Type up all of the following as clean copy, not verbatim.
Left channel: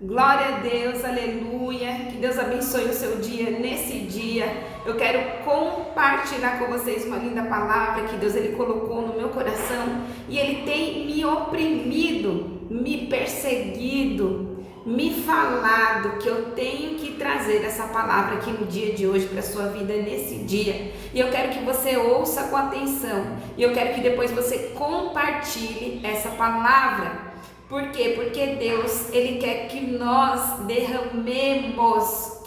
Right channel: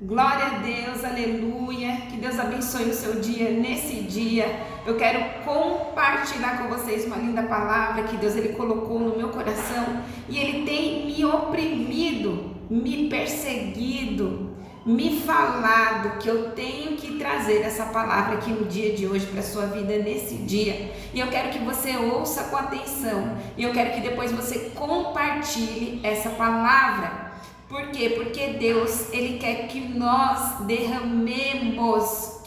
Glória a Deus, aleluia. Que Deus abençoe o seu dia. Nesse dia, eu quero compartilhar com vocês uma linda palavra que Deus ele colocou no meu coração e ele tem me oprimido, me perseguido, me falado que eu tenho que trazer essa palavra aqui no dia de hoje para a sua vida nesse dia. E eu quero que você ouça com atenção e eu quero que depois você compartilhe essa palavra. Por quê? Porque Deus, ele quer que nós derramemos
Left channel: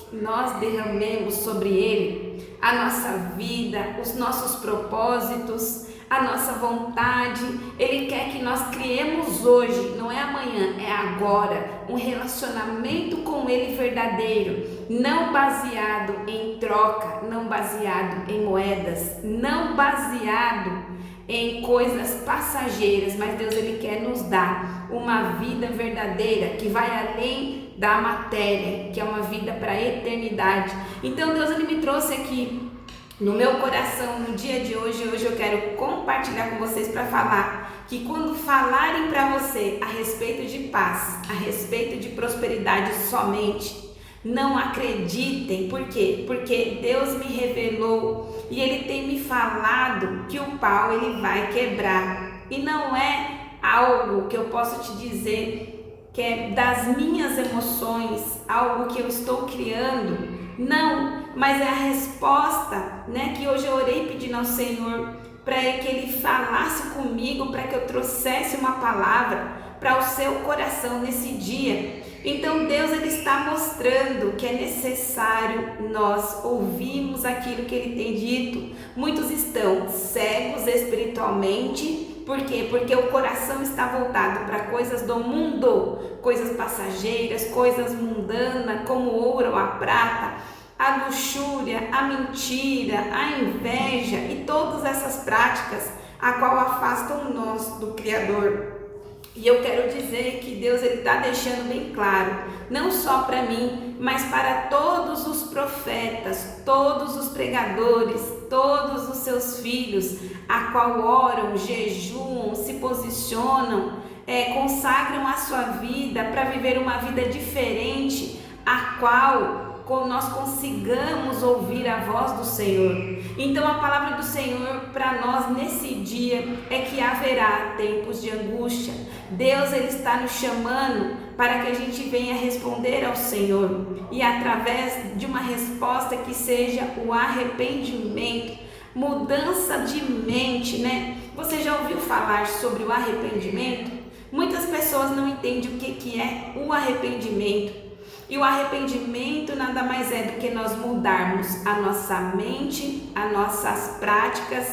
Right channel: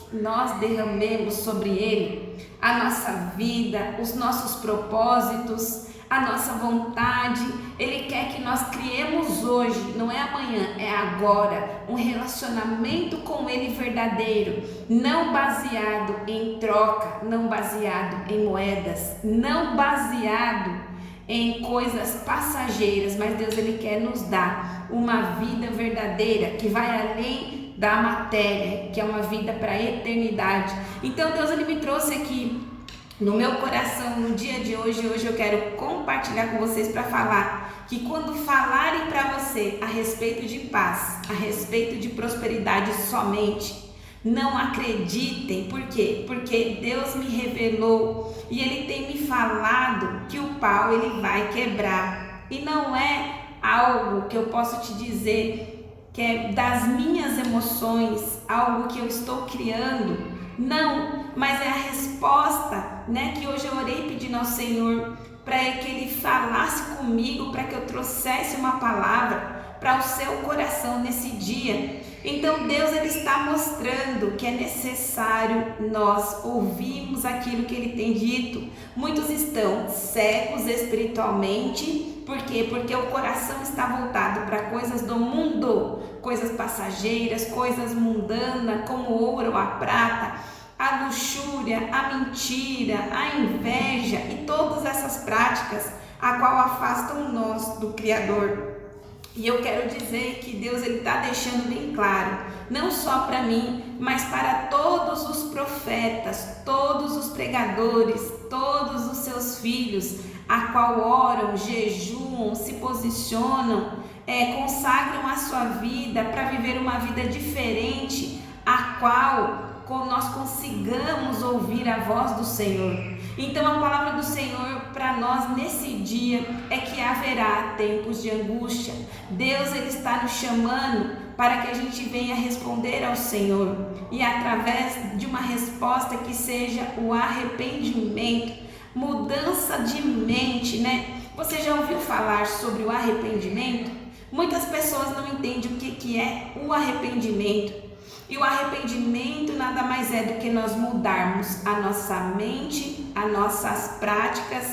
sobre ele a nossa vida, os nossos propósitos, a nossa vontade. Ele quer que nós criemos hoje, não é amanhã, é agora, um relacionamento com ele verdadeiro, não baseado em troca, não baseado em moedas, não baseado em coisas passageiras, mas Deus ele quer nos dar uma vida verdadeira que vai além da matéria, que é uma vida para a eternidade. Então Deus ele me trouxe aqui no meu coração no dia de hoje. Hoje eu quero compartilhar com vocês para falar que quando falarem para você a respeito de paz, a respeito de prosperidade somente, não acreditem. Por quê? Porque Deus me revelou e ele tem me falado que o pau ele vai quebrar. E não é algo que eu posso te dizer que é das minhas emoções, algo que eu estou criando. Não, mas é a resposta, que hoje eu orei pedindo ao Senhor para que ele falasse comigo, para que eu trouxesse uma palavra para o seu coração nesse dia. Então Deus ele está mostrando que é necessário nós ouvirmos aquilo que ele tem dito. Muitos estão cegos espiritualmente. Por quê? Porque o coração está voltado para coisas do mundo, coisas passageiras, coisas mundanas, como o ouro ou a prata, a luxúria, a mentira, a inveja e todas essas práticas a qual afastam nós do Criador. E eu quero dizer que Deus ele está deixando bem claro, não só para mim, mas para todos os profetas, todos os pregadores, todos os seus filhos, a qual oram, jejuam, se posicionam, consagram a sua vida para viver uma vida diferente, a qual nós consigamos ouvir a voz do Senhor. Então a palavra do Senhor para nós nesse dia é que haverá tempos de angústia. Deus ele está nos chamando para que a gente venha responder ao Senhor e através de uma resposta que seja o arrependimento, mudança de mente, Você já ouviu falar sobre o arrependimento? Muitas pessoas não entendem o que é o arrependimento. E o arrependimento nada mais é do que nós mudarmos a nossa mente, as nossas práticas,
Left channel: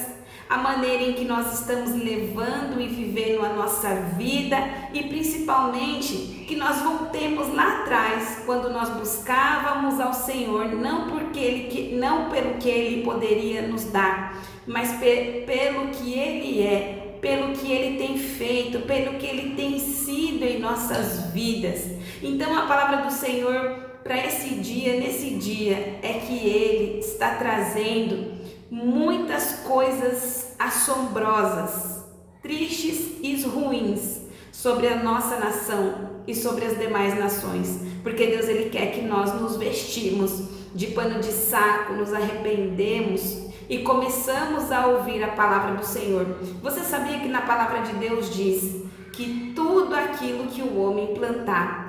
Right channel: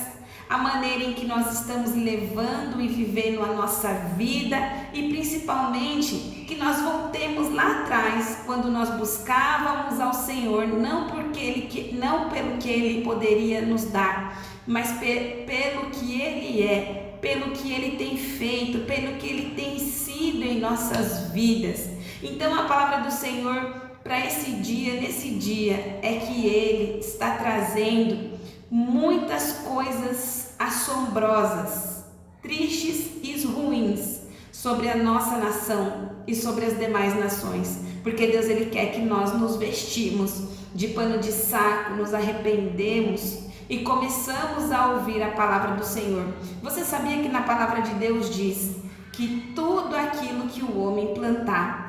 a maneira em que nós estamos levando e vivendo a nossa vida e principalmente que nós voltemos lá atrás, quando nós buscávamos ao Senhor, não pelo que Ele poderia nos dar, mas pelo que Ele é, pelo que Ele tem feito, pelo que Ele tem sido em nossas vidas. Então a palavra do Senhor para esse dia, nesse dia, é que Ele está trazendo muitas coisas assombrosas, tristes e ruins sobre a nossa nação e sobre as demais nações, porque Deus ele quer que nós nos vestimos de pano de saco, nos arrependemos e começamos a ouvir a palavra do Senhor. Você sabia que na palavra de Deus diz que tudo aquilo que o homem plantar,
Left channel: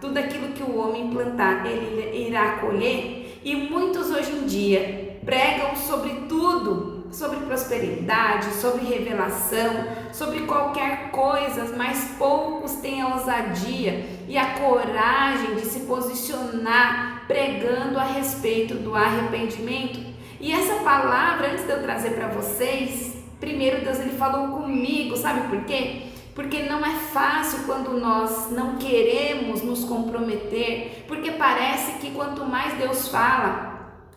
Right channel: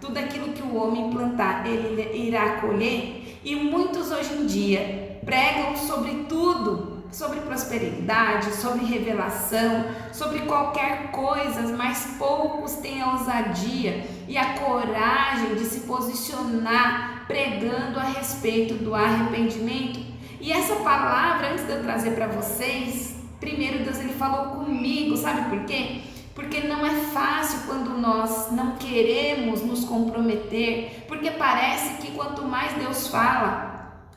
tudo aquilo que o homem plantar, ele irá colher? E muitos hoje em dia pregam sobre tudo, sobre prosperidade, sobre revelação, sobre qualquer coisa, mas poucos têm a ousadia e a coragem de se posicionar pregando a respeito do arrependimento. E essa palavra, antes de eu trazer para vocês, primeiro Deus ele falou comigo, sabe por quê? Porque não é fácil quando nós não queremos nos comprometer, porque parece que quanto mais Deus fala,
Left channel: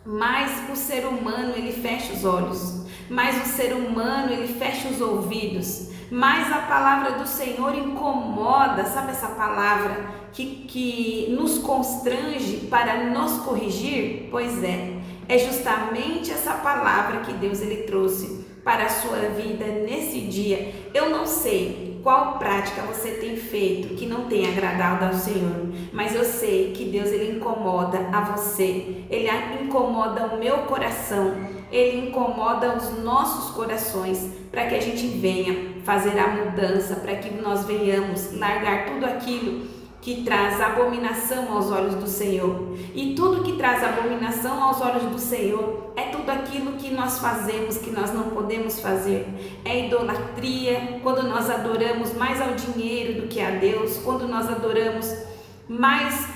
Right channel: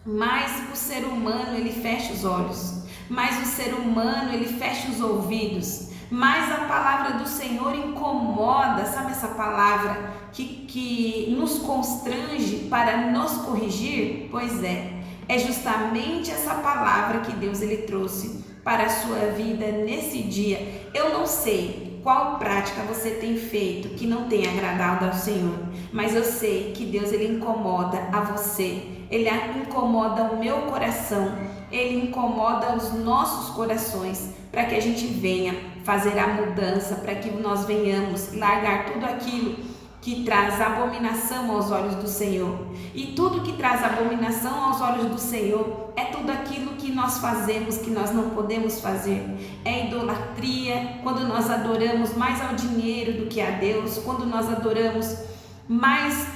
mais o ser humano ele fecha os olhos, mais o ser humano ele fecha os ouvidos, mais a palavra do Senhor incomoda, sabe essa palavra que nos constrange para nos corrigir? Pois é justamente essa palavra que Deus ele trouxe para a sua vida nesse dia. Eu não sei qual prática você tem feito que não tem agradado ao Senhor, mas eu sei que Deus, Ele incomoda a você, Ele incomoda o meu coração, Ele incomoda os nossos corações, para que a gente venha fazer a mudança, para que nós venhamos largar tudo aquilo que traz abominação aos olhos do Senhor. E tudo que traz abominação aos olhos do Senhor é tudo aquilo que nós fazemos, que nós não podemos fazer. É idolatria, quando nós adoramos mais ao dinheiro do que a Deus, quando nós adoramos mais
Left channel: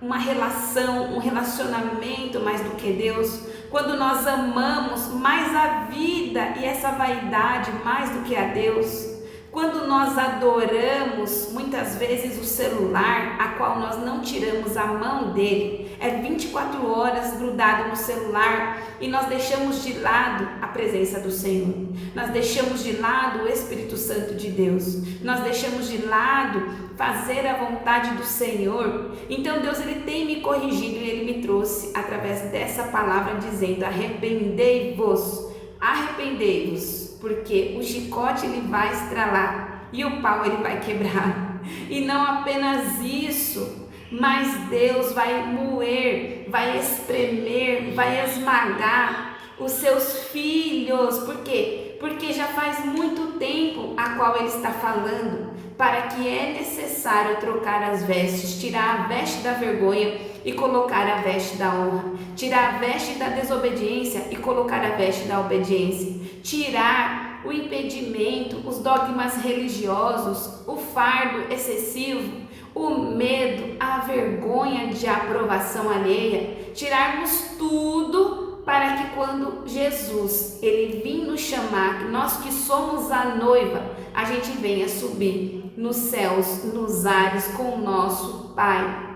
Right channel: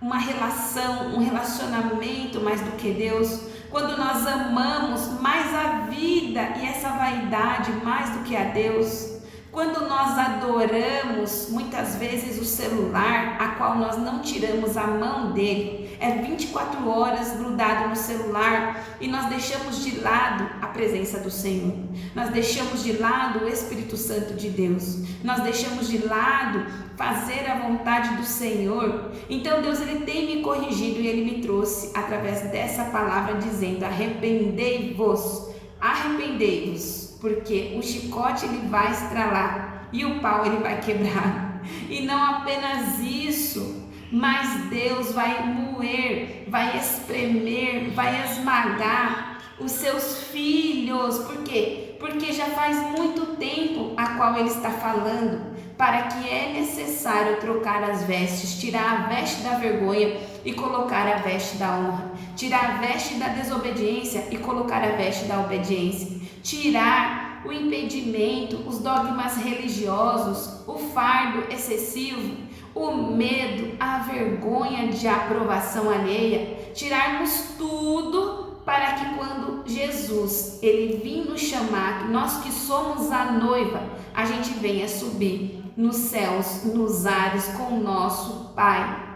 uma relação, um relacionamento mais do que Deus, quando nós amamos mais a vida e essa vaidade mais do que a Deus. Quando nós adoramos muitas vezes o celular, a qual nós não tiramos a mão dele, é 24 horas grudado no celular, e nós deixamos de lado a presença do Senhor, nós deixamos de lado o Espírito Santo de Deus, nós deixamos de lado fazer a vontade do Senhor. Então Deus, Ele tem me corrigido, e Ele me trouxe através dessa palavra dizendo: arrependei-vos, arrependei-vos, porque o chicote ele vai estralar e o pau ele vai quebrar. E não apenas isso, mas Deus vai moer, vai espremer, vai esmagar os seus filhos. Por quê? Porque já faz muito tempo a qual Ele está falando para que é necessário trocar as vestes, tirar a veste da vergonha e colocar a veste da honra, tirar a veste da desobediência e colocar a veste da obediência, tirar o impedimento, os dogmas religiosos, o fardo excessivo, o medo, a vergonha de aprovação alheia, tirarmos tudo para que quando Jesus Ele vir nos chamar, nós que somos a noiva, a gente venha subir nos céus, nos ares com o nosso Pai,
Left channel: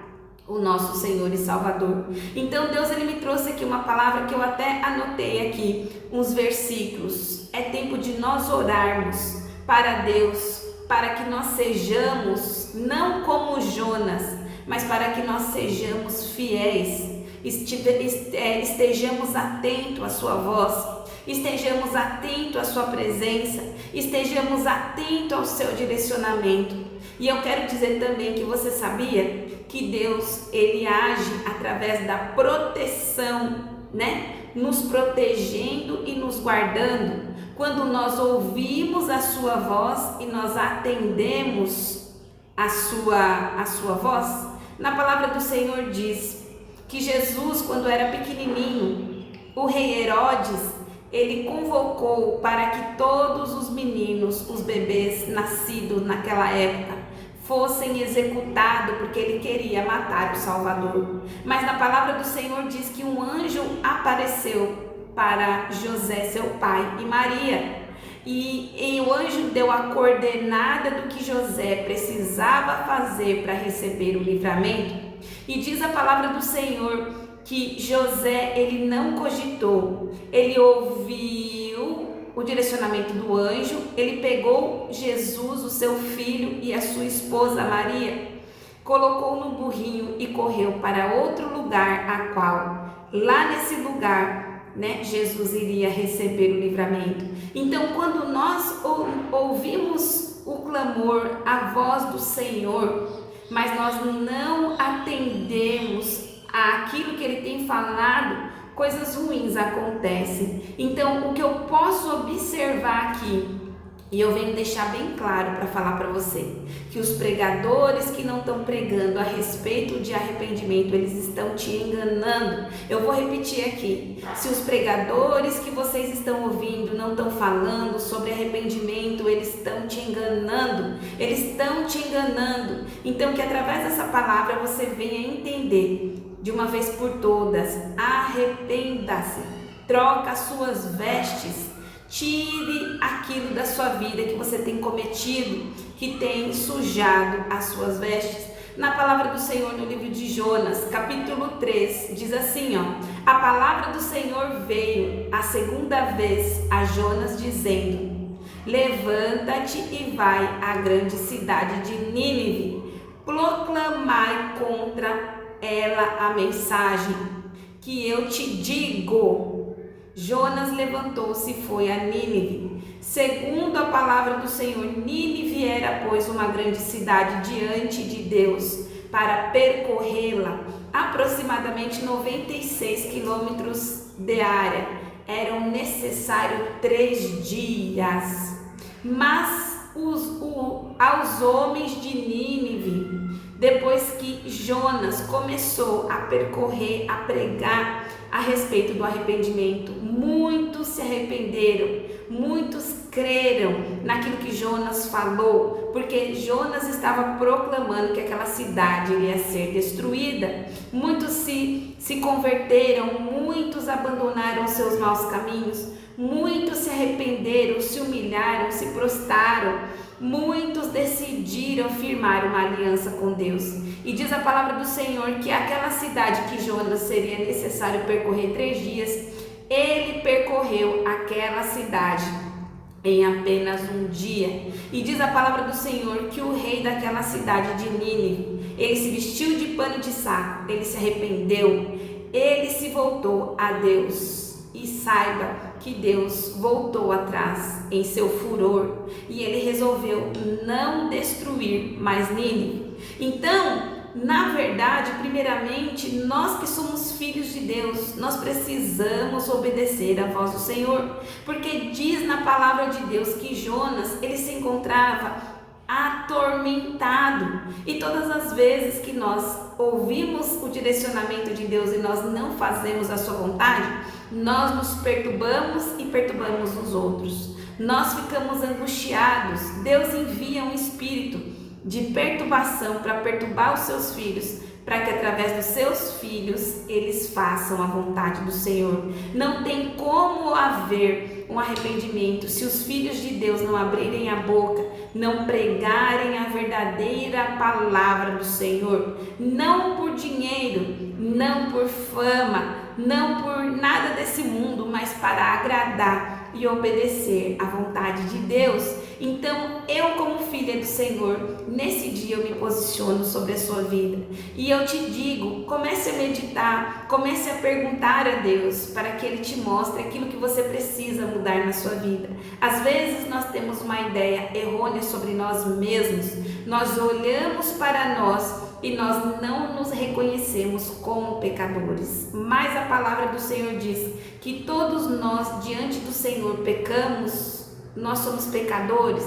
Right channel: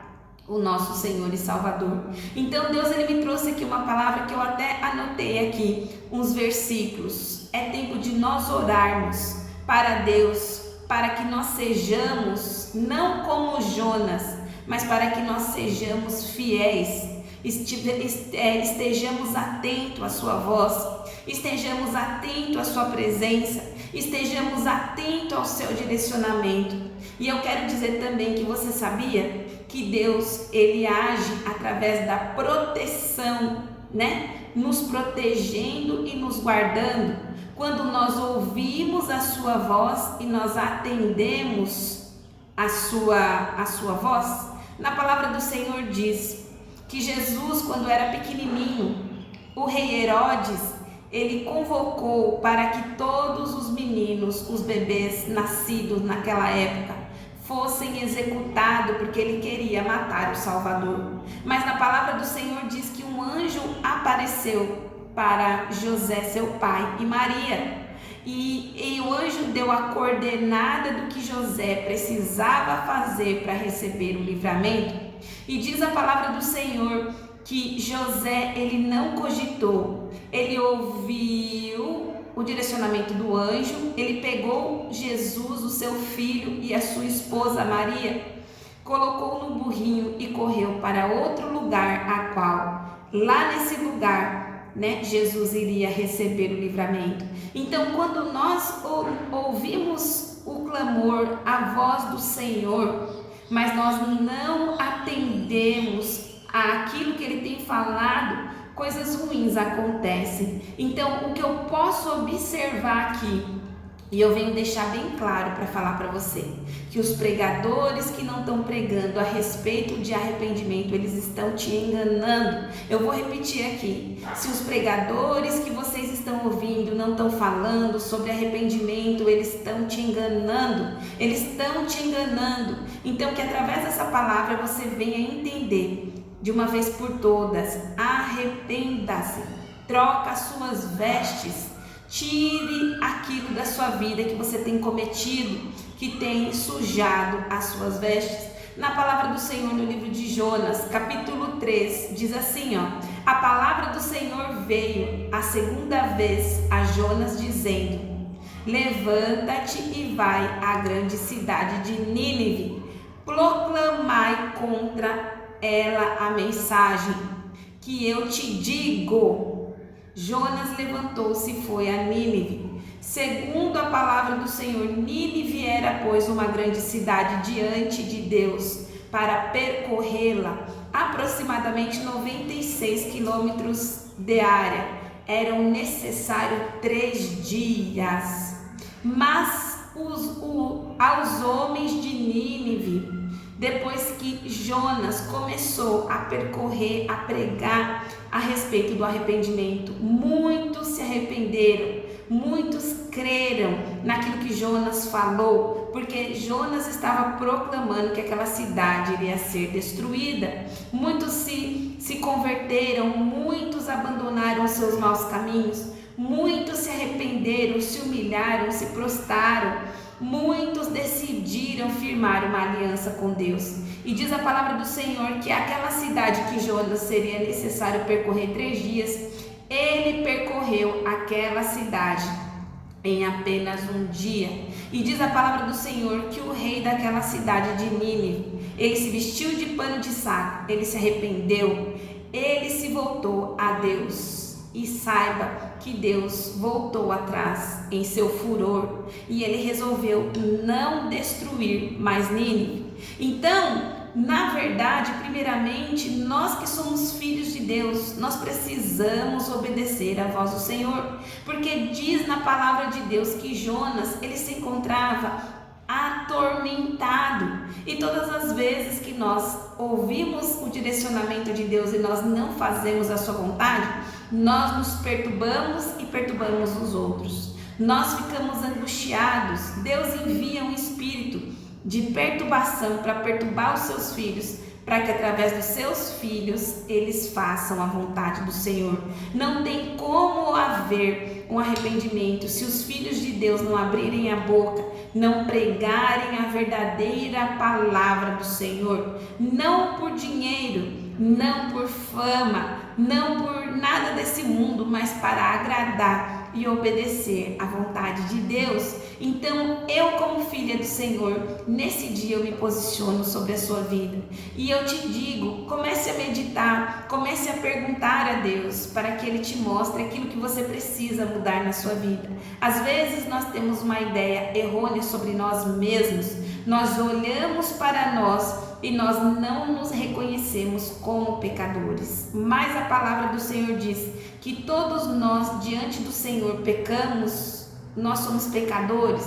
o nosso Senhor e Salvador. Então Deus, Ele me trouxe aqui uma palavra que eu até anotei aqui, uns versículos. É tempo de nós orarmos para Deus, para que nós sejamos, não como Jonas, mas para que nós sejamos fiéis, estejamos atentos à sua voz, estejamos atentos à sua presença, estejamos atentos ao seu direcionamento. E eu quero dizer também que você sabia que Deus, Ele age através da proteção, né? Nos protegendo e nos guardando. Quando nós ouvimos a sua voz e nós atendemos a sua voz. Na palavra do Senhor diz que Jesus, quando era pequenininho, o rei Herodes, ele convocou para que todos os meninos, os bebês nascidos naquela época, fossem executados, porque ele queria matar o Salvador. Mas na palavra do Senhor diz que um anjo apareceu para José, seu pai, e Maria, e o anjo deu a coordenada do que José precisava fazer para receber o livramento. E diz a palavra do Senhor que José, ele não cogitou, ele ouviu o direcionamento do anjo, ele pegou Jesus, o seu filho, e a sua esposa Maria, colocou no burrinho e correu para outro lugar, a qual, lá nesse lugar, né, Jesus iria receber o livramento. Então, quando nós ouvimos o clamor, a voz do Senhor, mas nós não atendemos àquilo que Ele tem falado, coisas ruins acontecem. Então, o que eu posso observar aqui, e eu venho deixar bem claro para falar para você, que os pregadores que não estão pregando a respeito de arrependimento, eles estão te enganando. Eu vou repetir aqui: se os pregadores que vocês estão ouvindo não estão falando sobre arrependimento, eles estão te enganando, eles estão te enganando. Então, que através dessa palavra você venha entender de uma vez por todas: arrependa-se, troca as suas vestes, tire aquilo da sua vida que você tem cometido, que tem sujado as suas vestes. Na palavra do Senhor, no livro de Jonas, capítulo 3, diz assim, ó: a palavra do Senhor veio a segunda vez a Jonas dizendo: levanta-te e vai à grande cidade de Nínive, proclamai contra ela a mensagem que eu te digo. Jonas levantou-se e foi a Nínive, Segundo a palavra do Senhor, Nínive era, pois, uma grande cidade diante de Deus. Para percorrê-la, aproximadamente 96 quilômetros de área, eram necessários 3 dias. Mas aos homens de Nínive, depois que Jonas começou a percorrer, a pregar a respeito do arrependimento, muitos se arrependeram, muitos creram naquilo que Jonas falou, porque Jonas estava proclamando que aquela cidade iria ser destruída. Muitos se converteram, muitos abandonaram seus maus caminhos, muitos se arrependeram, se humilharam, se prostraram, muitos decidiram firmar uma aliança com Deus. E diz a palavra do Senhor que aquela cidade que Jonas seria necessário percorrer 3 dias, ele percorreu aquela cidade em apenas 1 dia. E diz a palavra do Senhor que o rei daquela cidade de Nínive, ele se vestiu de pano de saco, ele se arrependeu, ele se voltou a Deus. E saiba que Deus voltou atrás em seu furor e ele resolveu não destruir mais Nínive. Então, na verdade, primeiramente, nós que somos filhos de Deus, nós precisamos obedecer à voz do Senhor, porque diz na palavra de Deus que Jonas, ele se encontrava atormentado, e todas as vezes que nós ouvimos o direcionamento de Deus e nós não fazemos a sua vontade, nós nos perturbamos e perturbamos os outros, nós ficamos angustiados. Deus envia um espírito de perturbação para perturbar os seus filhos, para que através dos seus filhos eles façam a vontade do Senhor. Não tem como haver um arrependimento se os filhos de Deus não abrirem a boca, não pregarem a verdadeira palavra do Senhor, não por dinheiro, não por fama, não por nada desse mundo, mas para agradar e obedecer à vontade de Deus. Então, eu como filha do Senhor, nesse dia eu me posiciono sobre a sua vida e eu te digo, comece a meditar, comece a perguntar a Deus para que Ele te mostre aquilo que você precisa mudar na sua vida. Às vezes nós temos uma ideia errônea sobre nós mesmos, nós olhamos para nós e nós não nos reconhecemos como pecadores, mas a palavra do Senhor diz que todos nós diante do Senhor pecamos. Nós somos pecadores,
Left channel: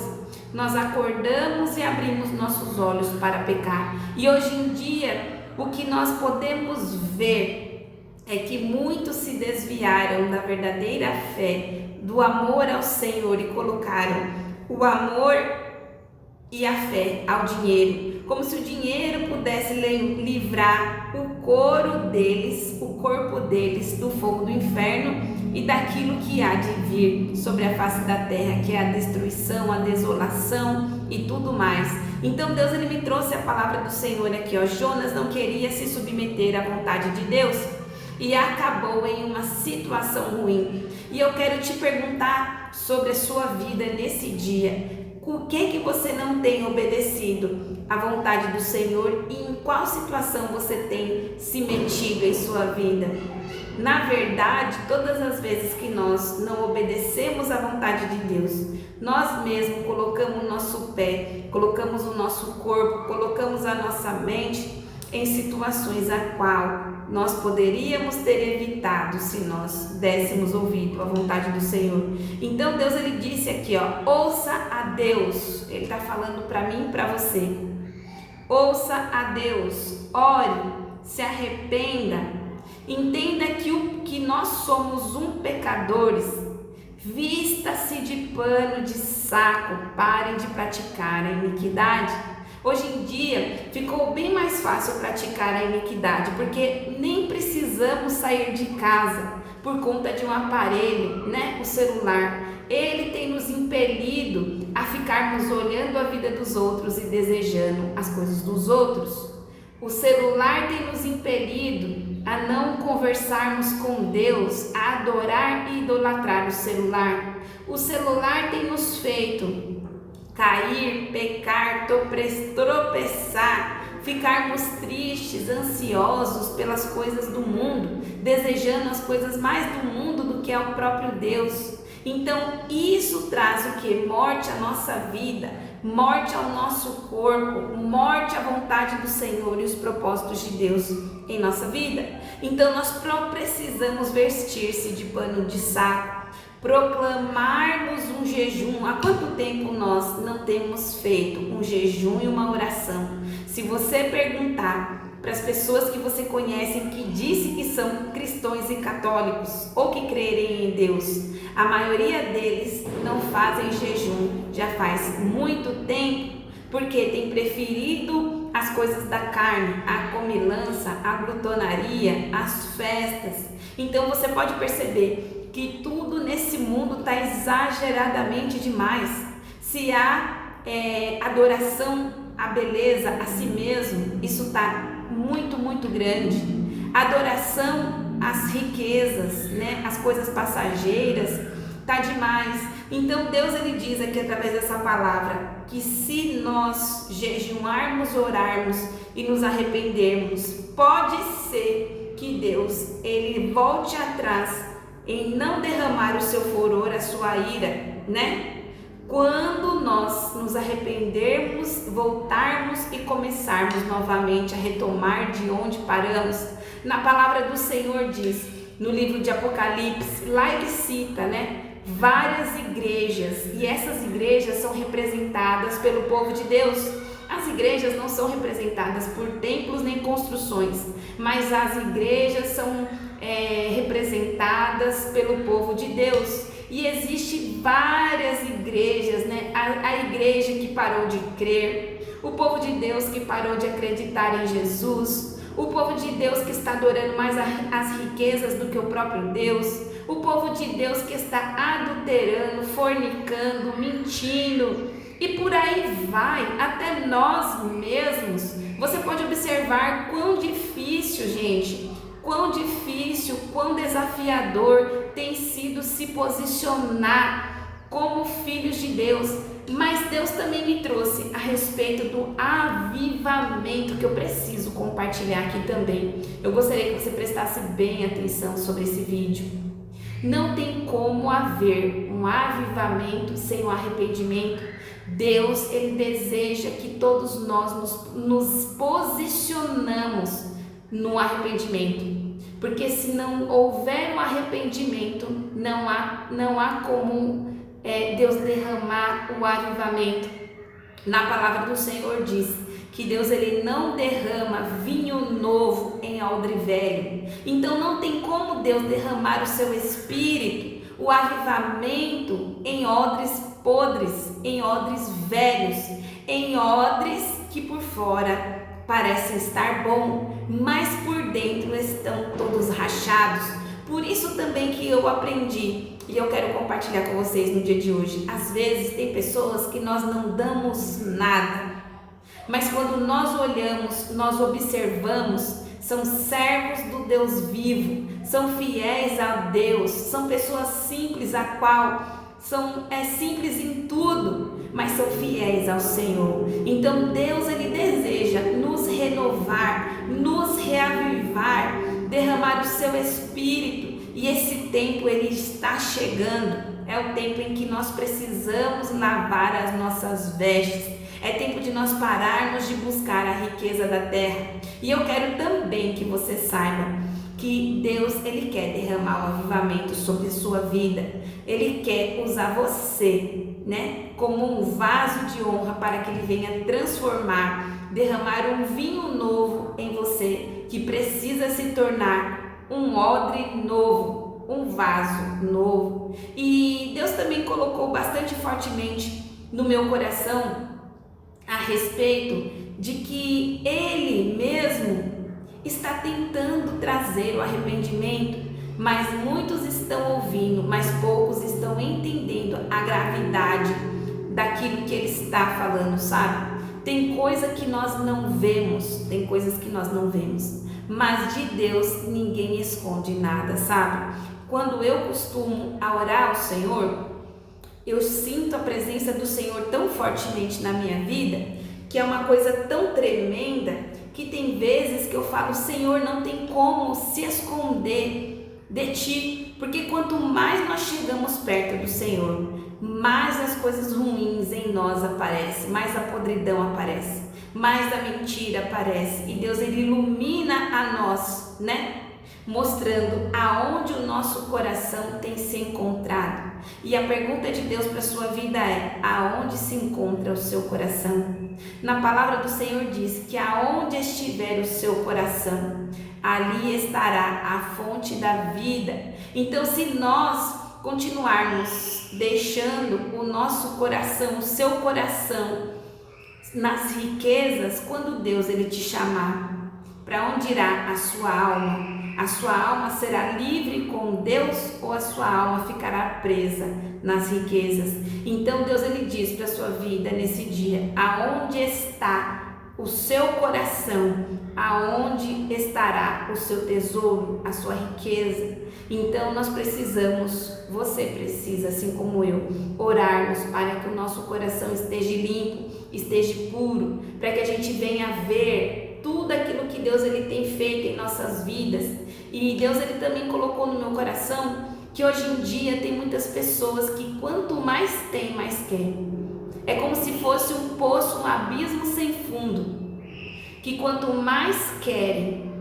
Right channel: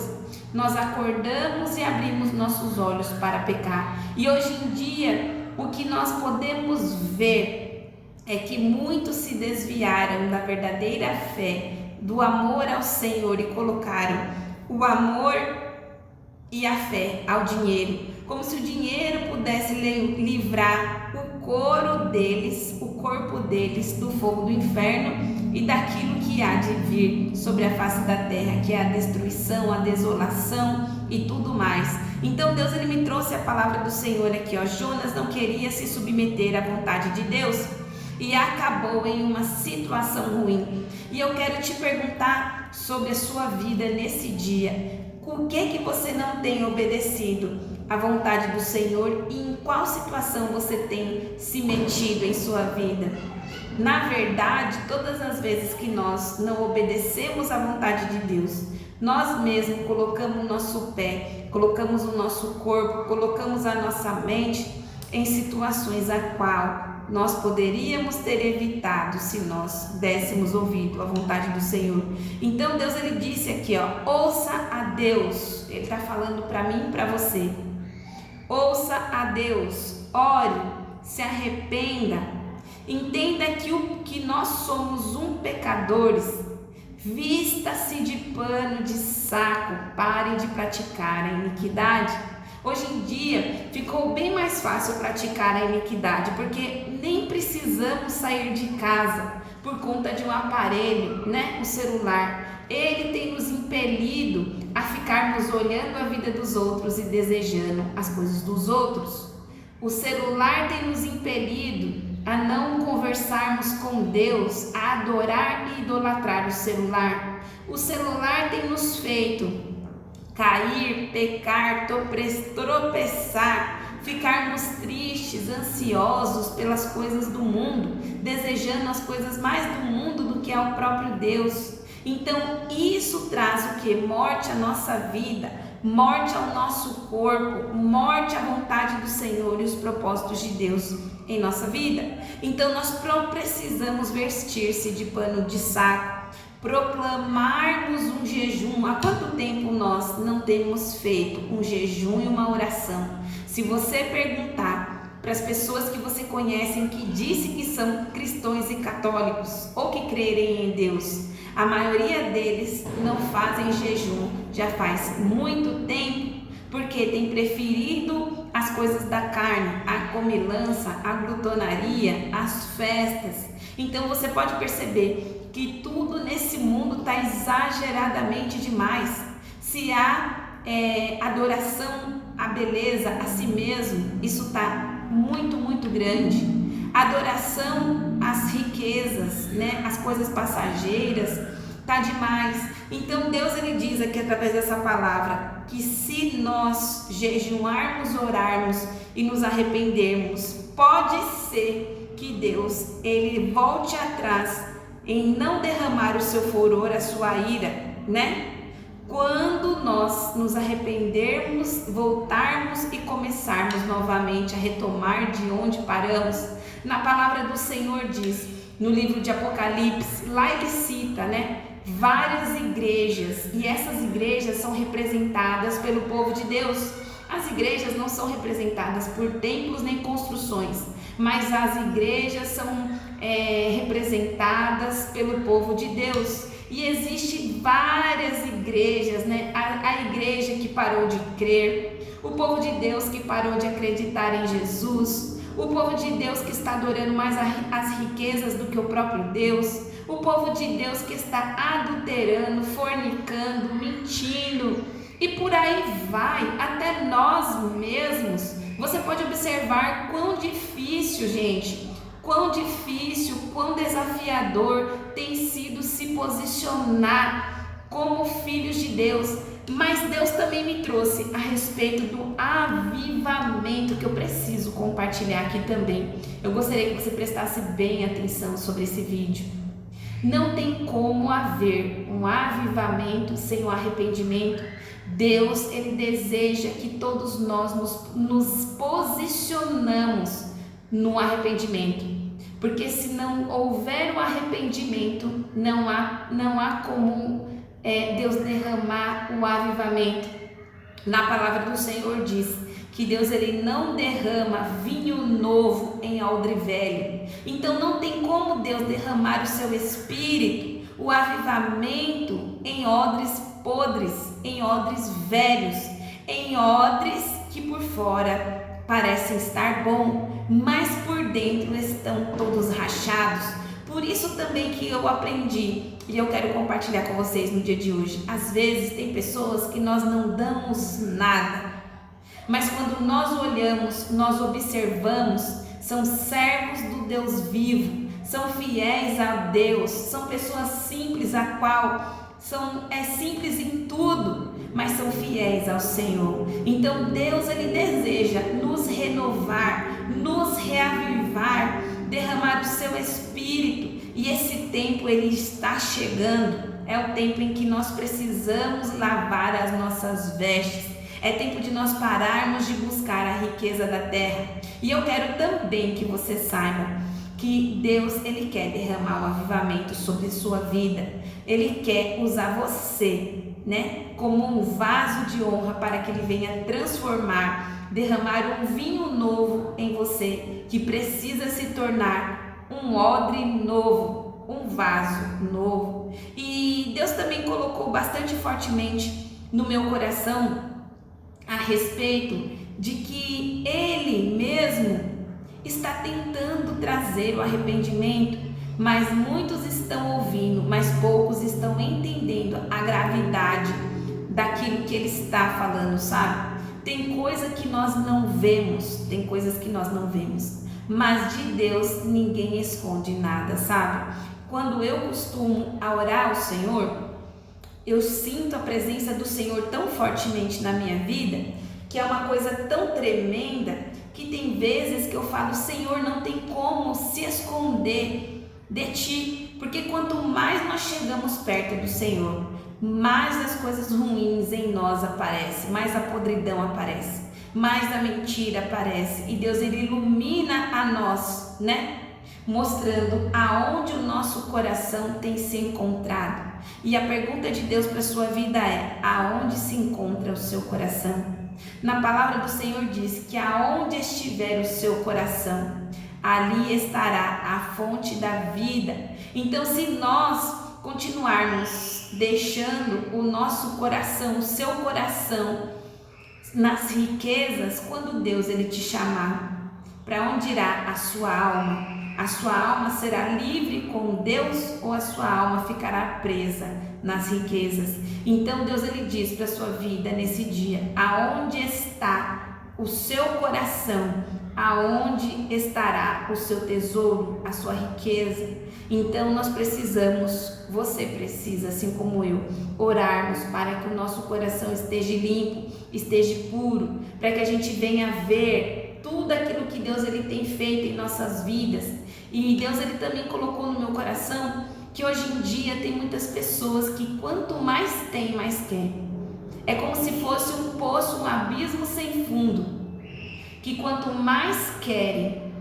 nós acordamos e abrimos nossos olhos para pecar. E hoje em dia, o que nós podemos ver é que muitos se desviaram da verdadeira fé, do amor ao Senhor, e colocaram o amor e a fé ao dinheiro, como se o dinheiro pudesse livrar o corpo deles do fogo do inferno e daquilo que há de vir sobre a face da terra, que é a destruição, a desolação e tudo mais. Então Deus, ele me trouxe a palavra do Senhor aqui, ó. Jonas não queria se submeter à vontade de Deus e acabou em uma situação ruim. E eu quero te perguntar sobre a sua vida nesse dia. O que você não tem obedecido à vontade do Senhor e em qual situação você tem se metido em sua vida? Na verdade, todas as vezes que nós não obedecemos à vontade de Deus, nós mesmos colocamos o nosso pé, colocamos o nosso corpo, colocamos a nossa mente em situações a qual nós poderíamos ter evitado se nós dessemos ouvido à vontade do Senhor. Então Deus, ele disse aqui, ó, ouça a Deus. Ele está falando para mim e para você. Ouça a Deus, ore, se arrependa. Entenda que nós somos pecadores. Vista-se de pano de saco, parem de praticar a iniquidade. Hoje em dia ficou bem mais fácil praticar a iniquidade, porque nem precisamos sair de casa por conta de um aparelho, né? O celular. Ele tem nos impelido a ficarmos olhando a vida dos outros e desejando as coisas dos outros. O celular tem nos impelido a não conversarmos com Deus, a adorar e idolatrar o celular. O celular tem nos feito cair, pecar, tropeçar, ficarmos tristes, ansiosos pelas coisas do mundo, desejando as coisas mais do mundo do que ao próprio Deus. Então isso traz o que? Morte à nossa vida, morte ao nosso corpo, morte à vontade do Senhor e os propósitos de Deus em nossa vida. Então nós precisamos vestir-se de pano de saco, proclamarmos um jejum. Há quanto tempo nós não temos feito um jejum e uma oração? Se você perguntar para as pessoas que você conhece que dizem que são cristãos e católicos ou que crerem em Deus, a maioria deles não fazem jejum já faz muito tempo, porque tem preferido as coisas da carne, a comilança, a glutonaria, as festas. Então você pode perceber que tudo nesse mundo está exageradamente demais. Se há adoração à beleza, a si mesmo, isso está muito grande. Adoração às riquezas, né? As coisas passageiras, tá demais. Então Deus ele diz aqui através dessa palavra que se nós jejuarmos, orarmos e nos arrependermos, pode ser que Deus ele volte atrás em não derramar o seu furor, a sua ira, né? Quando nós nos arrependermos, voltarmos e começarmos novamente a retomar de onde paramos. Na palavra do Senhor diz, no livro de Apocalipse, lá ele cita, né, várias igrejas, e essas igrejas são representadas pelo povo de Deus. As igrejas não são representadas por templos nem construções, mas as igrejas são representadas pelo povo de Deus. E existem várias igrejas, né? A igreja que parou de crer, o povo de Deus que parou de acreditar em Jesus, o povo de Deus que está adorando mais as riquezas do que o próprio Deus, o povo de Deus que está adulterando, fornicando, mentindo, e por aí vai, até nós mesmos. Você pode observar quão difícil, gente, quão difícil, quão desafiador tem sido se posicionar como filhos de Deus. Mas Deus também me trouxe a respeito do avivamento que eu preciso compartilhar aqui também. Eu gostaria que você prestasse bem atenção sobre esse vídeo. Não tem como haver um avivamento sem o arrependimento. Deus, ele deseja que todos nós nos posicionamos no arrependimento. Porque se não houver um arrependimento, não há como Deus derramar o avivamento. Na palavra do Senhor diz que Deus ele não derrama vinho novo em odre velho. Então não tem como Deus derramar o seu espírito, o avivamento em odres podres, em odres velhos, em odres que por fora parecem estar bom, mas por dentro estão todos rachados. Por isso também que eu aprendi e eu quero compartilhar com vocês no dia de hoje. Às vezes tem pessoas que nós não damos nada, mas quando nós olhamos, nós observamos, são servos do Deus vivo, são fiéis a Deus, são pessoas simples, a qual é simples em tudo, mas são fiéis ao Senhor. Então Deus ele deseja nos renovar, nos reavivar, derramar o seu Espírito, e esse tempo ele está chegando. É o tempo em que nós precisamos lavar as nossas vestes. É tempo de nós pararmos de buscar a riqueza da terra. E eu quero também que você saiba que Deus ele quer derramar o avivamento sobre a sua vida. Ele quer usar você, né, como um vaso de honra para que ele venha transformar, derramar um vinho novo em você, que precisa se tornar um odre novo, um vaso novo. E Deus também colocou bastante fortemente no meu coração a respeito de que Ele mesmo está tentando trazer o arrependimento, mas muitos estão ouvindo, mas poucos estão entendendo a gravidade daquilo que Ele está falando, sabe? Tem coisa que nós não vemos, tem coisas que nós não vemos, mas de Deus ninguém esconde nada, sabe? Quando eu costumo orar ao Senhor, eu sinto a presença do Senhor tão fortemente na minha vida, que é uma coisa tão tremenda, que tem vezes que eu falo: Senhor, não tem como se esconder de Ti, Porque quanto mais nós chegamos perto do Senhor, mais as coisas ruins em nós aparecem, mais a podridão aparece, mais a mentira aparece. E Deus, ele ilumina a nós, né? Mostrando aonde o nosso coração tem se encontrado. E a pergunta de Deus para a sua vida é: aonde se encontra o seu coração? Na palavra do Senhor diz que aonde estiver o seu coração, ali estará a fonte da vida. Então, se nós continuarmos deixando o nosso coração, o seu coração nas riquezas, quando Deus ele te chamar, para onde irá a sua alma? A sua alma será livre com Deus ou a sua alma ficará presa nas riquezas? Então Deus ele diz para a sua vida nesse dia: aonde está o seu coração, aonde estará o seu tesouro, a sua riqueza? Então nós precisamos, você precisa, assim como eu, orarmos para que o nosso coração esteja limpo, esteja puro, para que a gente venha ver tudo aquilo que Deus ele tem feito em nossas vidas. E Deus ele também colocou no meu coração que hoje em dia tem muitas pessoas que quanto mais tem, mais quer. É como se fosse um poço, um abismo sem fundo, que quanto mais querem,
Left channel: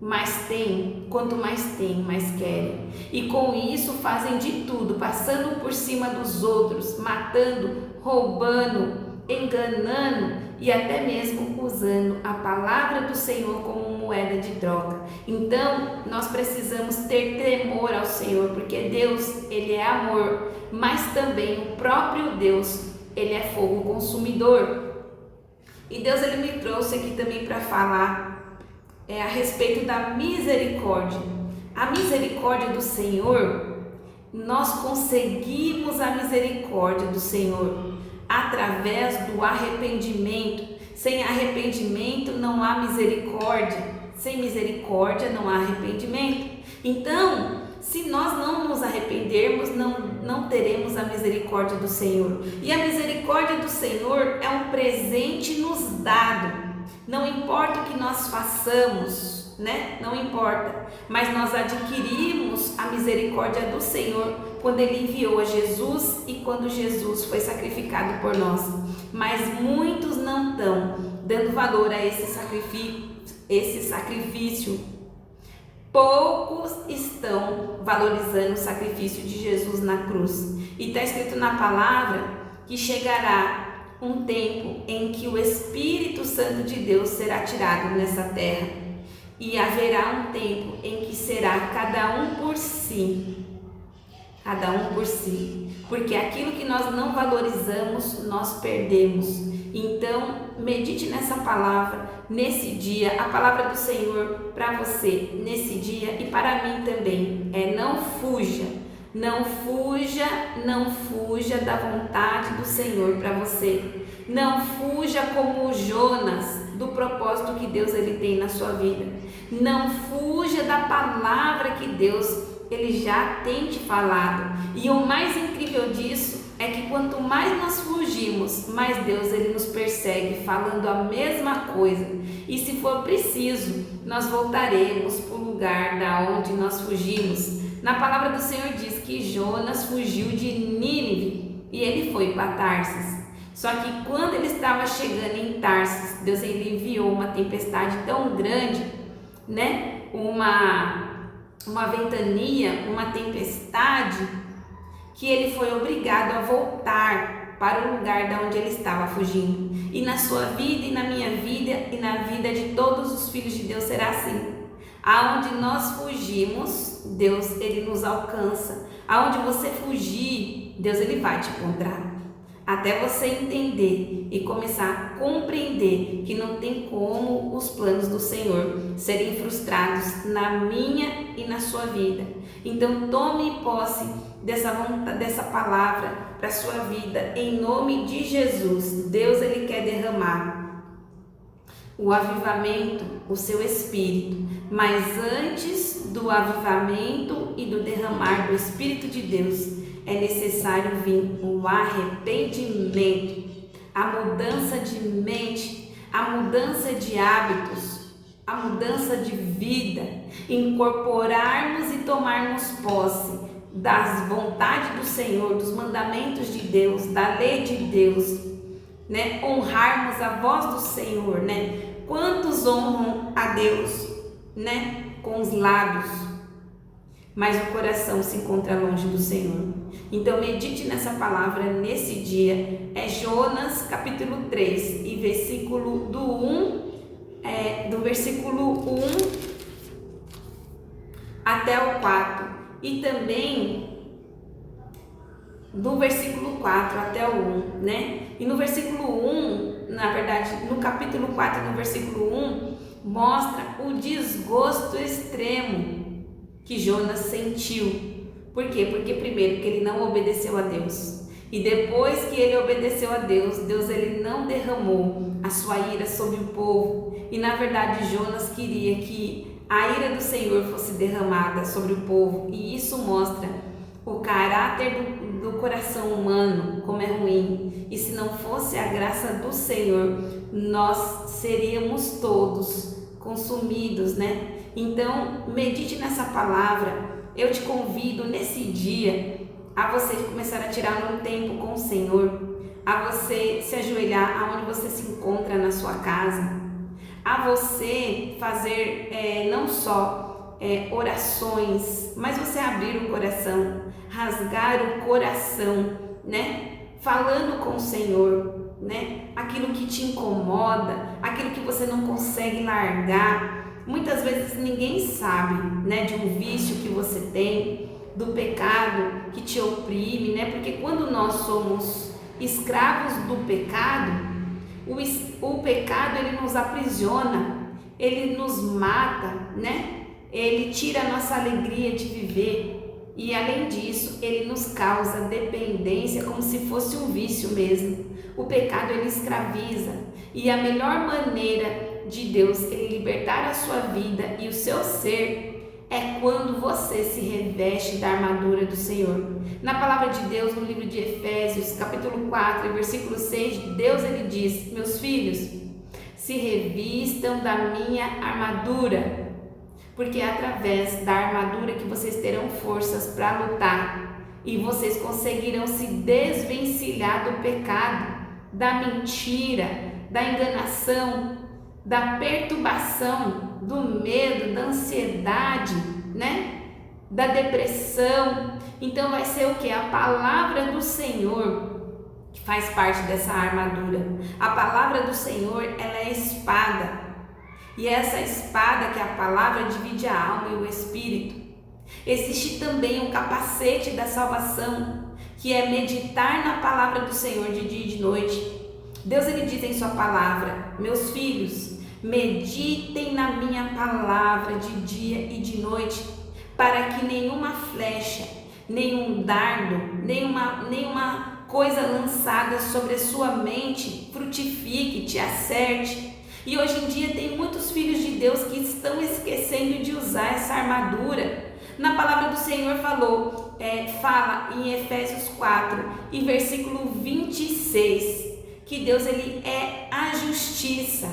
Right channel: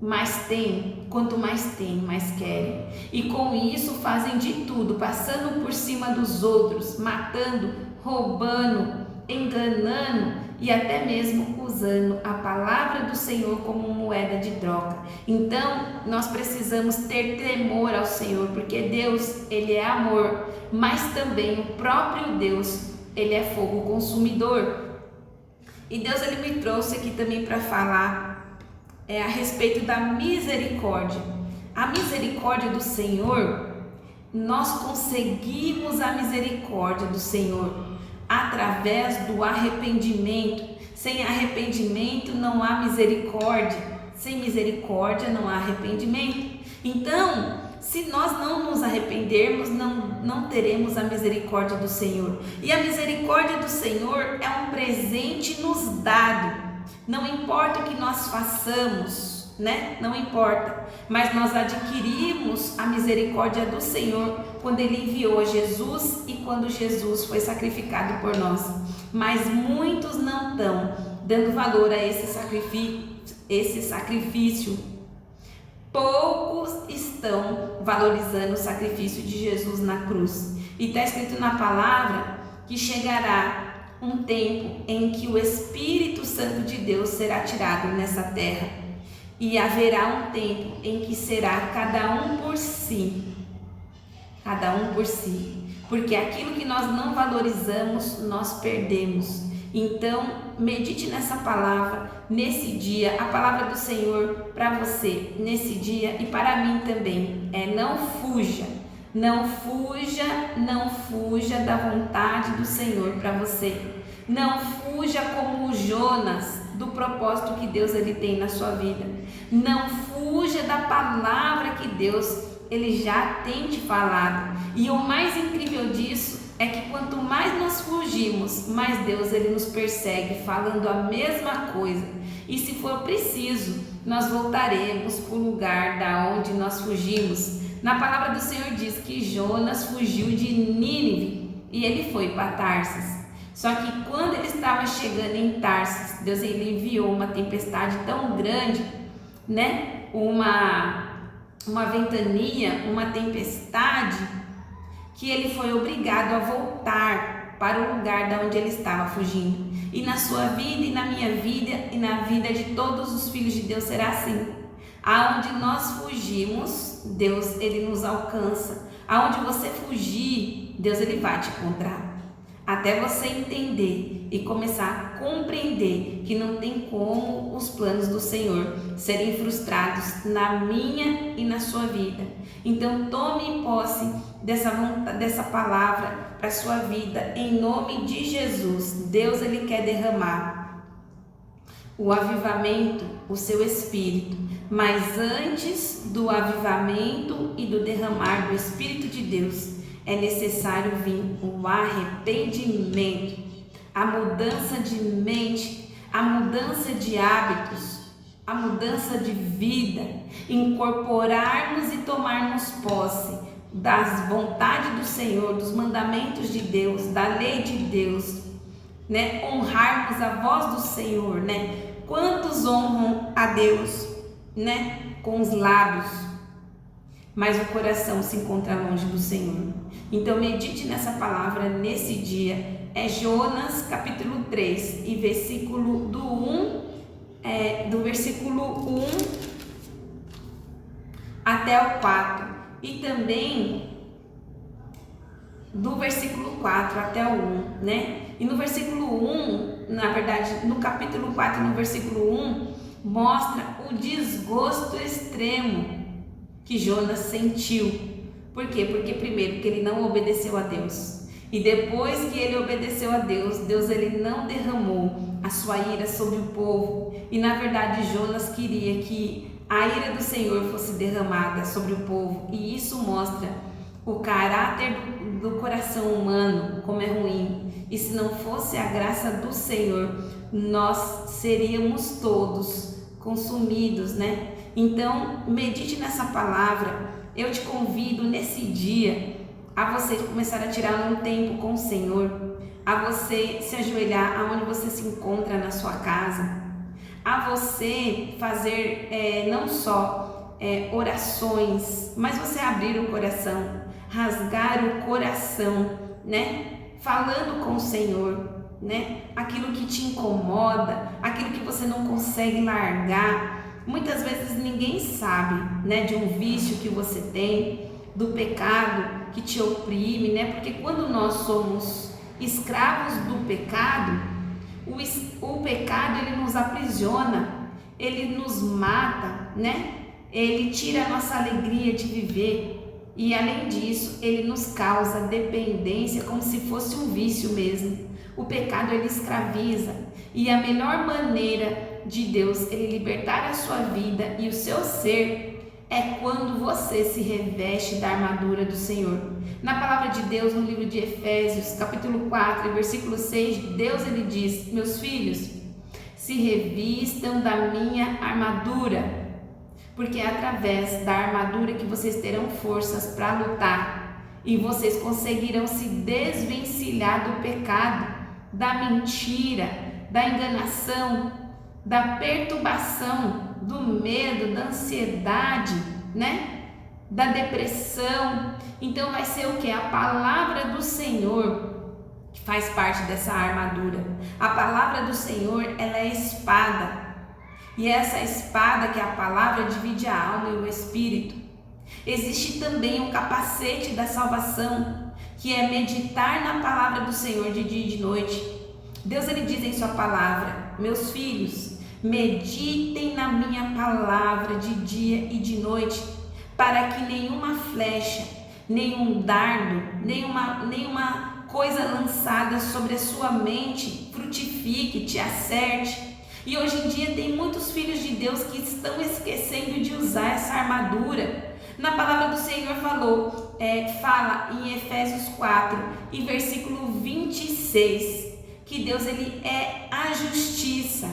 mais tem, quanto mais tem, mais querem. E com isso fazem de tudo, passando por cima dos outros, matando, roubando, enganando e até mesmo usando a palavra do Senhor como moeda de troca. Então nós precisamos ter temor ao Senhor, porque Deus ele é amor, mas também o próprio Deus ele é fogo consumidor. E Deus ele me trouxe aqui também para falar a respeito da misericórdia. A misericórdia do Senhor, nós conseguimos a misericórdia do Senhor através do arrependimento. Sem arrependimento não há misericórdia, sem misericórdia não há arrependimento. Então, se nós não nos arrependermos, não teremos a misericórdia do Senhor. E a misericórdia do Senhor é um presente nos dado. Não importa o que nós façamos, né? Não importa, mas nós adquirimos a misericórdia do Senhor quando Ele enviou a Jesus e quando Jesus foi sacrificado por nós. Mas muitos não estão dando valor a esse sacrifício. Poucos estão valorizando o sacrifício de Jesus na cruz. E está escrito na palavra que chegará um tempo em que o Espírito Santo de Deus será tirado nessa terra. E haverá um tempo em que será cada um por si. Cada um por si. Porque aquilo que nós não valorizamos, nós perdemos. Então, medite nessa palavra, nesse dia, a palavra do Senhor para você, nesse dia e para mim também. Não fuja, não fuja, não fuja da vontade do Senhor para você. Não fuja como o Jonas do propósito que Deus ele tem na sua vida. Não fuja da palavra que Deus ele já tem te falado. E o mais incrível disso é que quanto mais nós fugimos, mais Deus ele nos persegue falando a mesma coisa. E se for preciso, nós voltaremos para o lugar da onde nós fugimos. Na palavra do Senhor diz que Jonas fugiu de Nínive e ele foi para Tarsis. Só que quando ele estava chegando em Tarsis, Deus ele enviou uma tempestade tão grande, né? Uma ventania, uma tempestade, que ele foi obrigado a voltar para o lugar da onde ele estava fugindo. E na sua vida e na minha vida e na vida de todos os filhos de Deus será assim. Aonde nós fugimos, Deus ele nos alcança. Aonde você fugir, Deus ele vai te encontrar. Até você entender e começar a compreender que não tem como os planos do Senhor serem frustrados na minha e na sua vida. Então tome posse dessa palavra para a sua vida, em nome de Jesus. Deus ele quer derramar o avivamento, o seu Espírito, mas antes do avivamento e do derramar do Espírito de Deus, é necessário vir um arrependimento, a mudança de mente, a mudança de hábitos, a mudança de vida, incorporarmos e tomarmos posse das vontades do Senhor, dos mandamentos de Deus, da lei de Deus, né? Honrarmos a voz do Senhor, né? Quantos honram a Deus, né? Com os lábios, mas o coração se encontra longe do Senhor. Então medite nessa palavra nesse dia. É Jonas capítulo 3 e versículo do versículo 1 até o 4, e também do versículo 4 até o 1, né? E no versículo 1, na verdade, no capítulo 4, no versículo 1, mostra o desgosto extremo que Jonas sentiu. Por quê? Porque primeiro que ele não obedeceu a Deus, e depois que ele obedeceu a Deus, Deus ele não derramou a sua ira sobre o povo, e na verdade Jonas queria que a ira do Senhor fosse derramada sobre o povo, e isso mostra o caráter do coração humano, como é ruim. E se não fosse a graça do Senhor, nós seríamos todos consumidos, né? Então medite nessa palavra. Eu te convido nesse dia a você começar a tirar um tempo com o Senhor, a você se ajoelhar aonde você se encontra na sua casa, a você fazer não só orações, mas você abrir o coração, rasgar o coração, né? Falando com o Senhor, né? Aquilo que te incomoda, aquilo que você não consegue largar. Muitas vezes ninguém sabe, né, de um vício que você tem, do pecado que te oprime, né? Porque quando nós somos escravos do pecado, o pecado ele nos aprisiona, ele nos mata, né? Ele tira a nossa alegria de viver, e além disso, ele nos causa dependência, como se fosse um vício mesmo. O pecado ele escraviza, e a melhor maneira de Deus ele libertar a sua vida e o seu ser é quando você se reveste da armadura do Senhor. Na palavra de Deus, no livro de Efésios, capítulo 4, versículo 6, Deus ele diz: meus filhos, se revistam da minha armadura, porque é através da armadura que vocês terão forças para lutar, e vocês conseguirão se desvencilhar do pecado, da mentira, da enganação, da perturbação, do medo, da ansiedade, né? Da depressão. Então vai ser o que? A palavra do Senhor que faz parte dessa armadura. A palavra do Senhor, ela é espada. E essa espada, que é a palavra, divide a alma e o espírito. Existe também o capacete da salvação, que é meditar na palavra do Senhor de dia e de noite. Deus ele diz em sua palavra: meus filhos, meditem na minha palavra de dia e de noite, para que nenhuma flecha, nenhum dardo, nenhuma coisa lançada sobre a sua mente frutifique, te acerte. E hoje em dia tem muitos filhos de Deus que estão esquecendo de usar essa armadura. Na palavra do Senhor fala em Efésios 4 e versículo 26, que Deus ele é a justiça,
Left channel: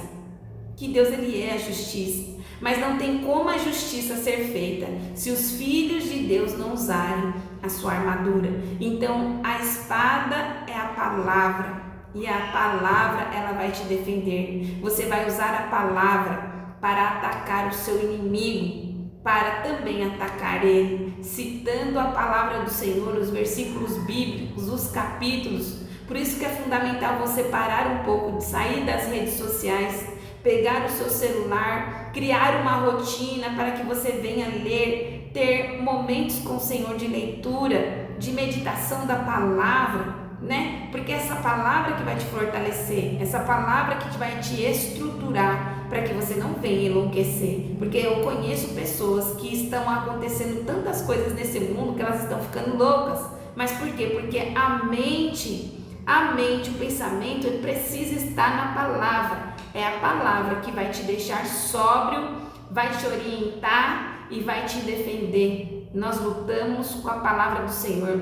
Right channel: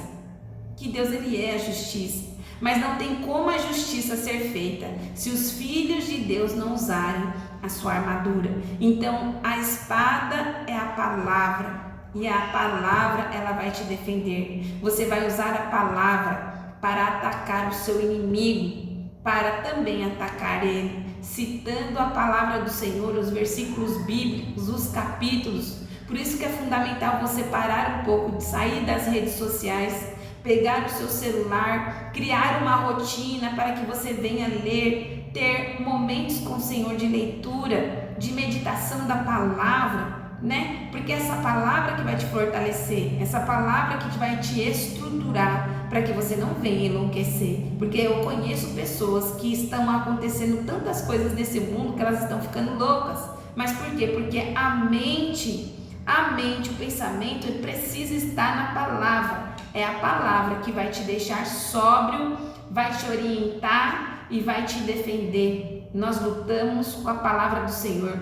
mas não tem como a justiça ser feita se os filhos de Deus não usarem a sua armadura. Então a espada é a palavra, e a palavra ela vai te defender. Você vai usar a palavra para atacar o seu inimigo, para também atacar ele, citando a palavra do Senhor, os versículos bíblicos, os capítulos. Por isso que é fundamental você parar um pouco de sair das redes sociais, pegar o seu celular, criar uma rotina para que você venha ler, ter momentos com o Senhor de leitura, de meditação da palavra, né? Porque essa palavra que vai te fortalecer, essa palavra que vai te estruturar para que você não venha enlouquecer. Porque eu conheço pessoas que estão acontecendo tantas coisas nesse mundo que elas estão ficando loucas. Mas por quê? Porque a mente, o pensamento, ele precisa estar na palavra. É a palavra que vai te deixar sóbrio, vai te orientar e vai te defender. Nós lutamos com a palavra do Senhor.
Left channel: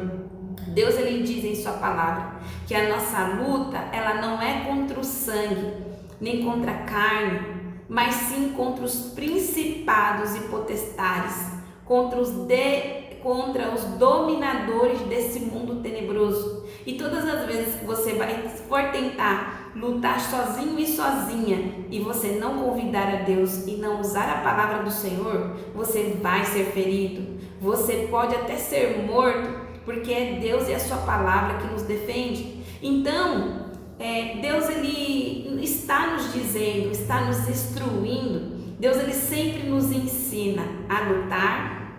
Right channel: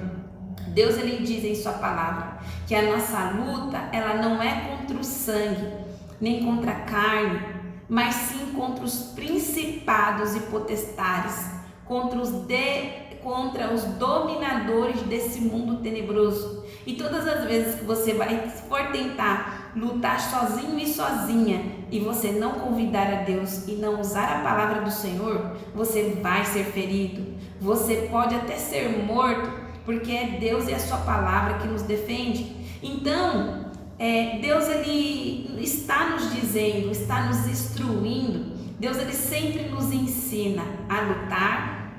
Deus ele diz em sua palavra que a nossa luta ela não é contra o sangue, nem contra a carne, mas sim contra os principados e potestades, contra os dominadores desse mundo tenebroso. E todas as vezes que você for tentar lutar sozinho e sozinha, e você não convidar a Deus e não usar a palavra do Senhor, você vai ser ferido, você pode até ser morto, porque é Deus e a sua palavra que nos defende. Então, Deus ele está nos dizendo, está nos instruindo. Deus ele sempre nos ensina a lutar,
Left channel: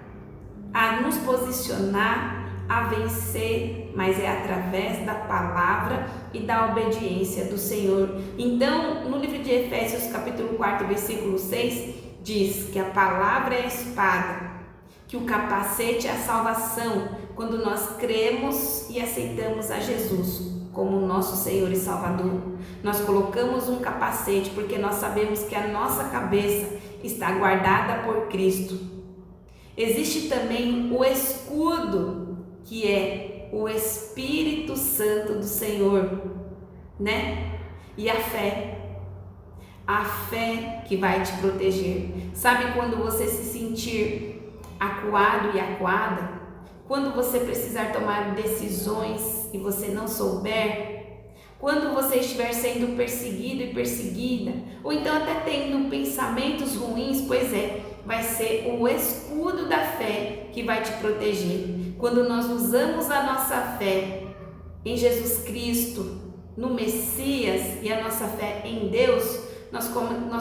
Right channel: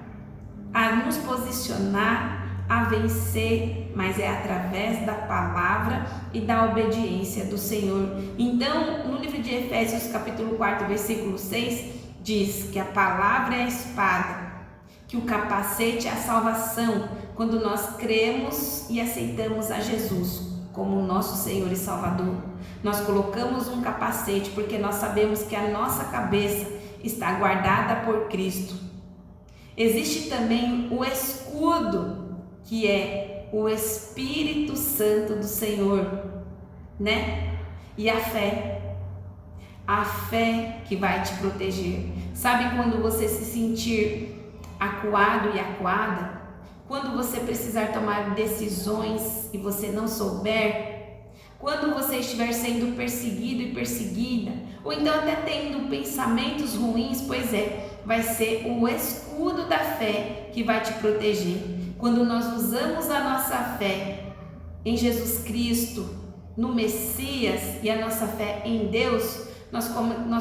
a nos posicionar, a vencer, mas é através da palavra e da obediência do Senhor. Então, no livro de Efésios, capítulo 4, versículo 6, diz que a palavra é a espada, que o capacete é a salvação, quando nós cremos e aceitamos a Jesus como nosso Senhor e Salvador. Nós colocamos um capacete porque nós sabemos que a nossa cabeça está guardada por Cristo. Existe também o escudo, que é o Espírito Santo do Senhor, né? E a fé que vai te proteger. Sabe quando você se sentir acuado e acuada? Quando você precisar tomar decisões e você não souber? Quando você estiver sendo perseguido e perseguida? Ou então até tendo pensamentos ruins? Pois vai ser o escudo da fé que vai te proteger. Quando nós usamos a nossa fé em Jesus Cristo, no Messias, e a nossa fé em Deus, nós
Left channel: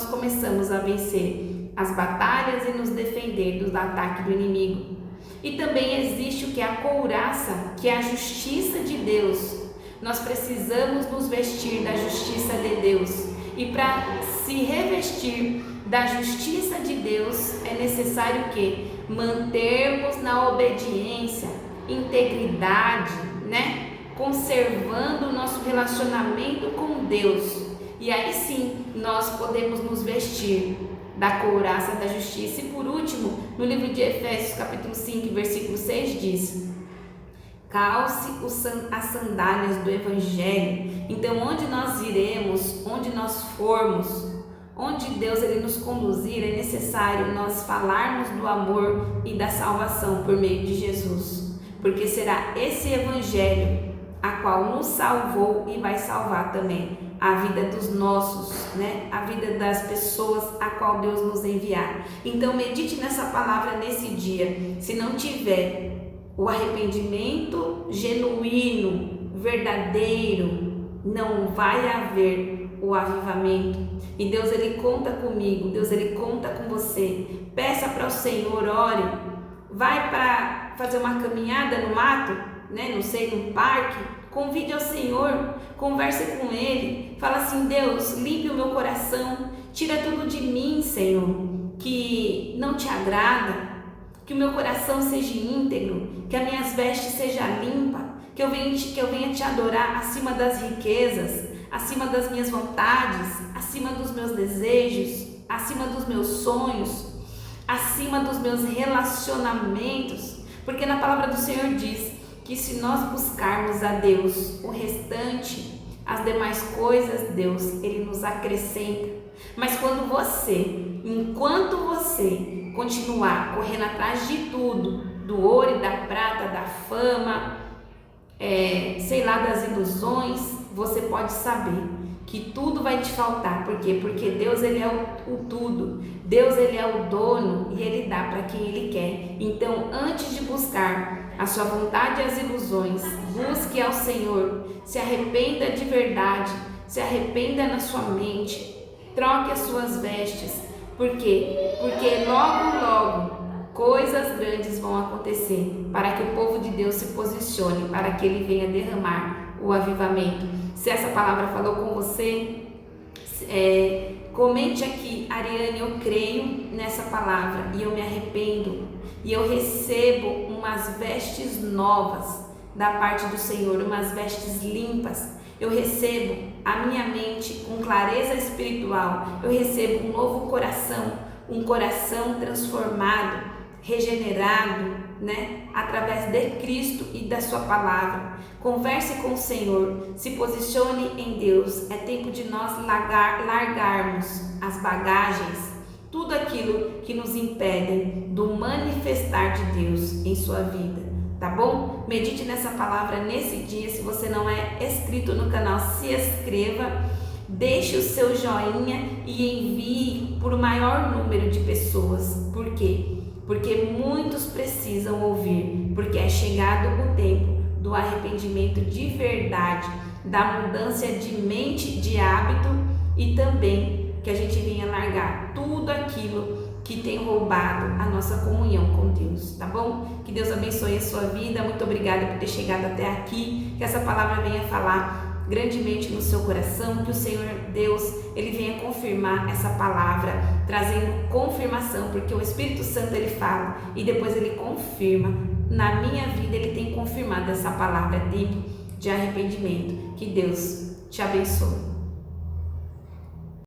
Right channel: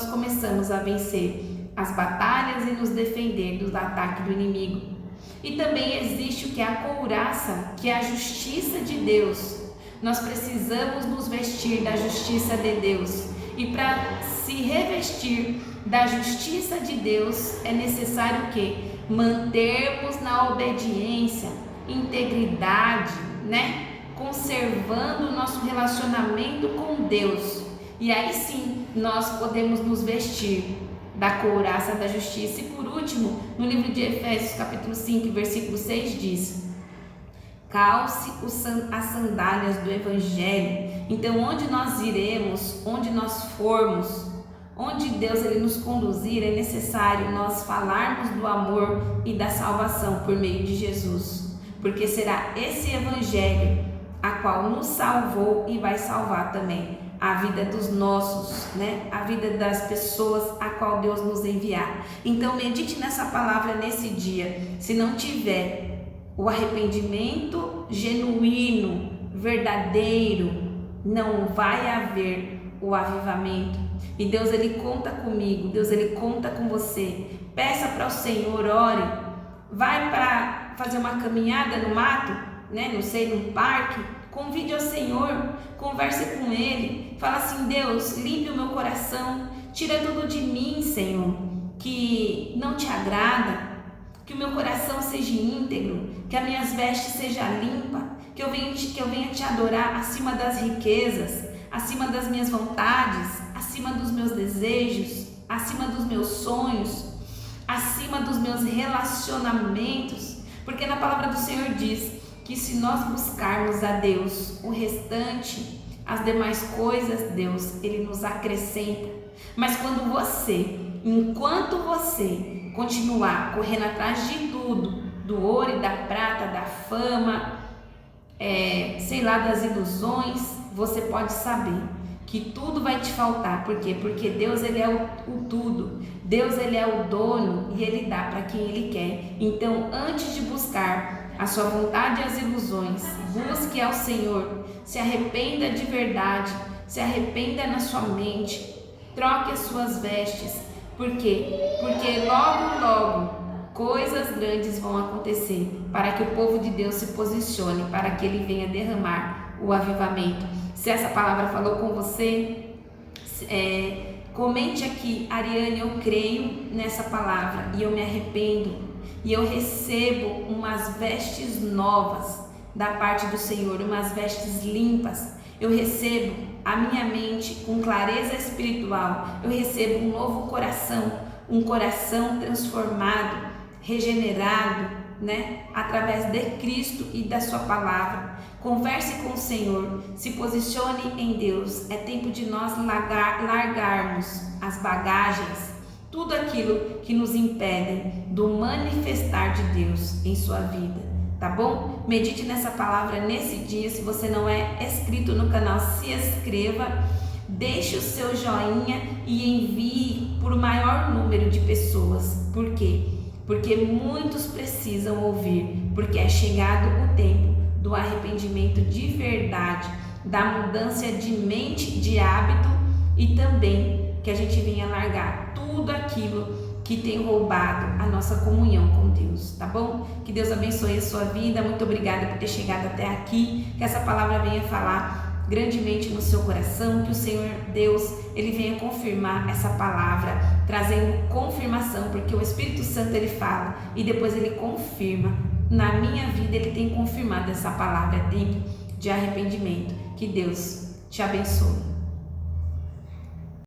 começamos a vencer as batalhas e nos defender do ataque do inimigo. E também existe o que é a couraça, que é a justiça de Deus. Nós precisamos nos vestir da justiça de Deus. E para se revestir da justiça de Deus, é necessário o quê? Mantermos na obediência, integridade, né? Conservando o nosso relacionamento com Deus. E aí sim, nós podemos nos vestir da couraça da justiça. E por último, no livro de Efésios, capítulo 5, versículo 6, diz: calce as sandálias do Evangelho. Então, onde nós iremos, onde nós formos, onde Deus ele nos conduzir, é necessário nós falarmos do amor e da salvação por meio de Jesus, porque será esse Evangelho a qual nos salvou e vai salvar também a vida dos nossos, né? A vida das pessoas a qual Deus nos enviar. Então medite nessa palavra nesse dia. Se não tiver o arrependimento genuíno, verdadeiro, não vai haver o avivamento. E Deus ele conta comigo, Deus ele conta com você. Peça para o Senhor, ore. Vai para fazer uma caminhada no mato, né? Não sei, num parque. Convide ao Senhor, converse com Ele, fala assim: Deus, limpe o meu coração, tira tudo de mim, Senhor, que não te agrada, que o meu coração seja íntegro, que as minhas vestes sejam limpas, que eu venha te adorar acima das riquezas, acima das minhas vontades, acima dos meus desejos, acima dos meus sonhos, acima dos meus relacionamentos, porque na palavra do Senhor diz que se nós buscarmos a Deus, o restante, as demais coisas, Deus, Ele nos acrescenta. Mas enquanto você continuar correndo atrás de tudo, do ouro e da prata, da fama, das ilusões, você pode saber que tudo vai te faltar. Por quê? Porque Deus ele é o tudo. Deus ele é o dono e Ele dá para quem Ele quer. Então, antes de buscar a sua vontade e as ilusões, busque ao Senhor, se arrependa de verdade, se arrependa na sua mente, troque as suas vestes. Por quê? Porque logo coisas grandes vão acontecer para que o povo de Deus se posicione, para que Ele venha derramar o avivamento. Se essa palavra falou com você, comente aqui: Ariane, eu creio nessa palavra e eu me arrependo. E eu recebo umas vestes novas da parte do Senhor, umas vestes limpas. Eu recebo a minha mente com clareza espiritual. Eu recebo um novo coração, um coração transformado. regenerado, né? Através de Cristo e da sua palavra. Converse com o Senhor, se posicione em Deus. É tempo de nós largarmos as bagagens, tudo aquilo que nos impede do manifestar de Deus em sua vida, tá bom? Medite nessa palavra nesse dia. Se você não é inscrito no canal, se inscreva, deixe o seu joinha e envie para o maior número de pessoas. Por quê? Porque muitos precisam ouvir, porque é chegado o tempo do arrependimento de verdade, da mudança de mente, de hábito, e também que a gente venha largar tudo aquilo que tem roubado a nossa comunhão com Deus, tá bom? Que Deus abençoe a sua vida. Muito obrigada por ter chegado até aqui, que essa palavra venha falar grandemente no seu coração, que o Senhor Deus, ele venha confirmar essa palavra, trazendo confirmação, porque o Espírito Santo ele fala e depois ele confirma. Na minha vida ele tem confirmado essa palavra, tempo de arrependimento. Que Deus te abençoe.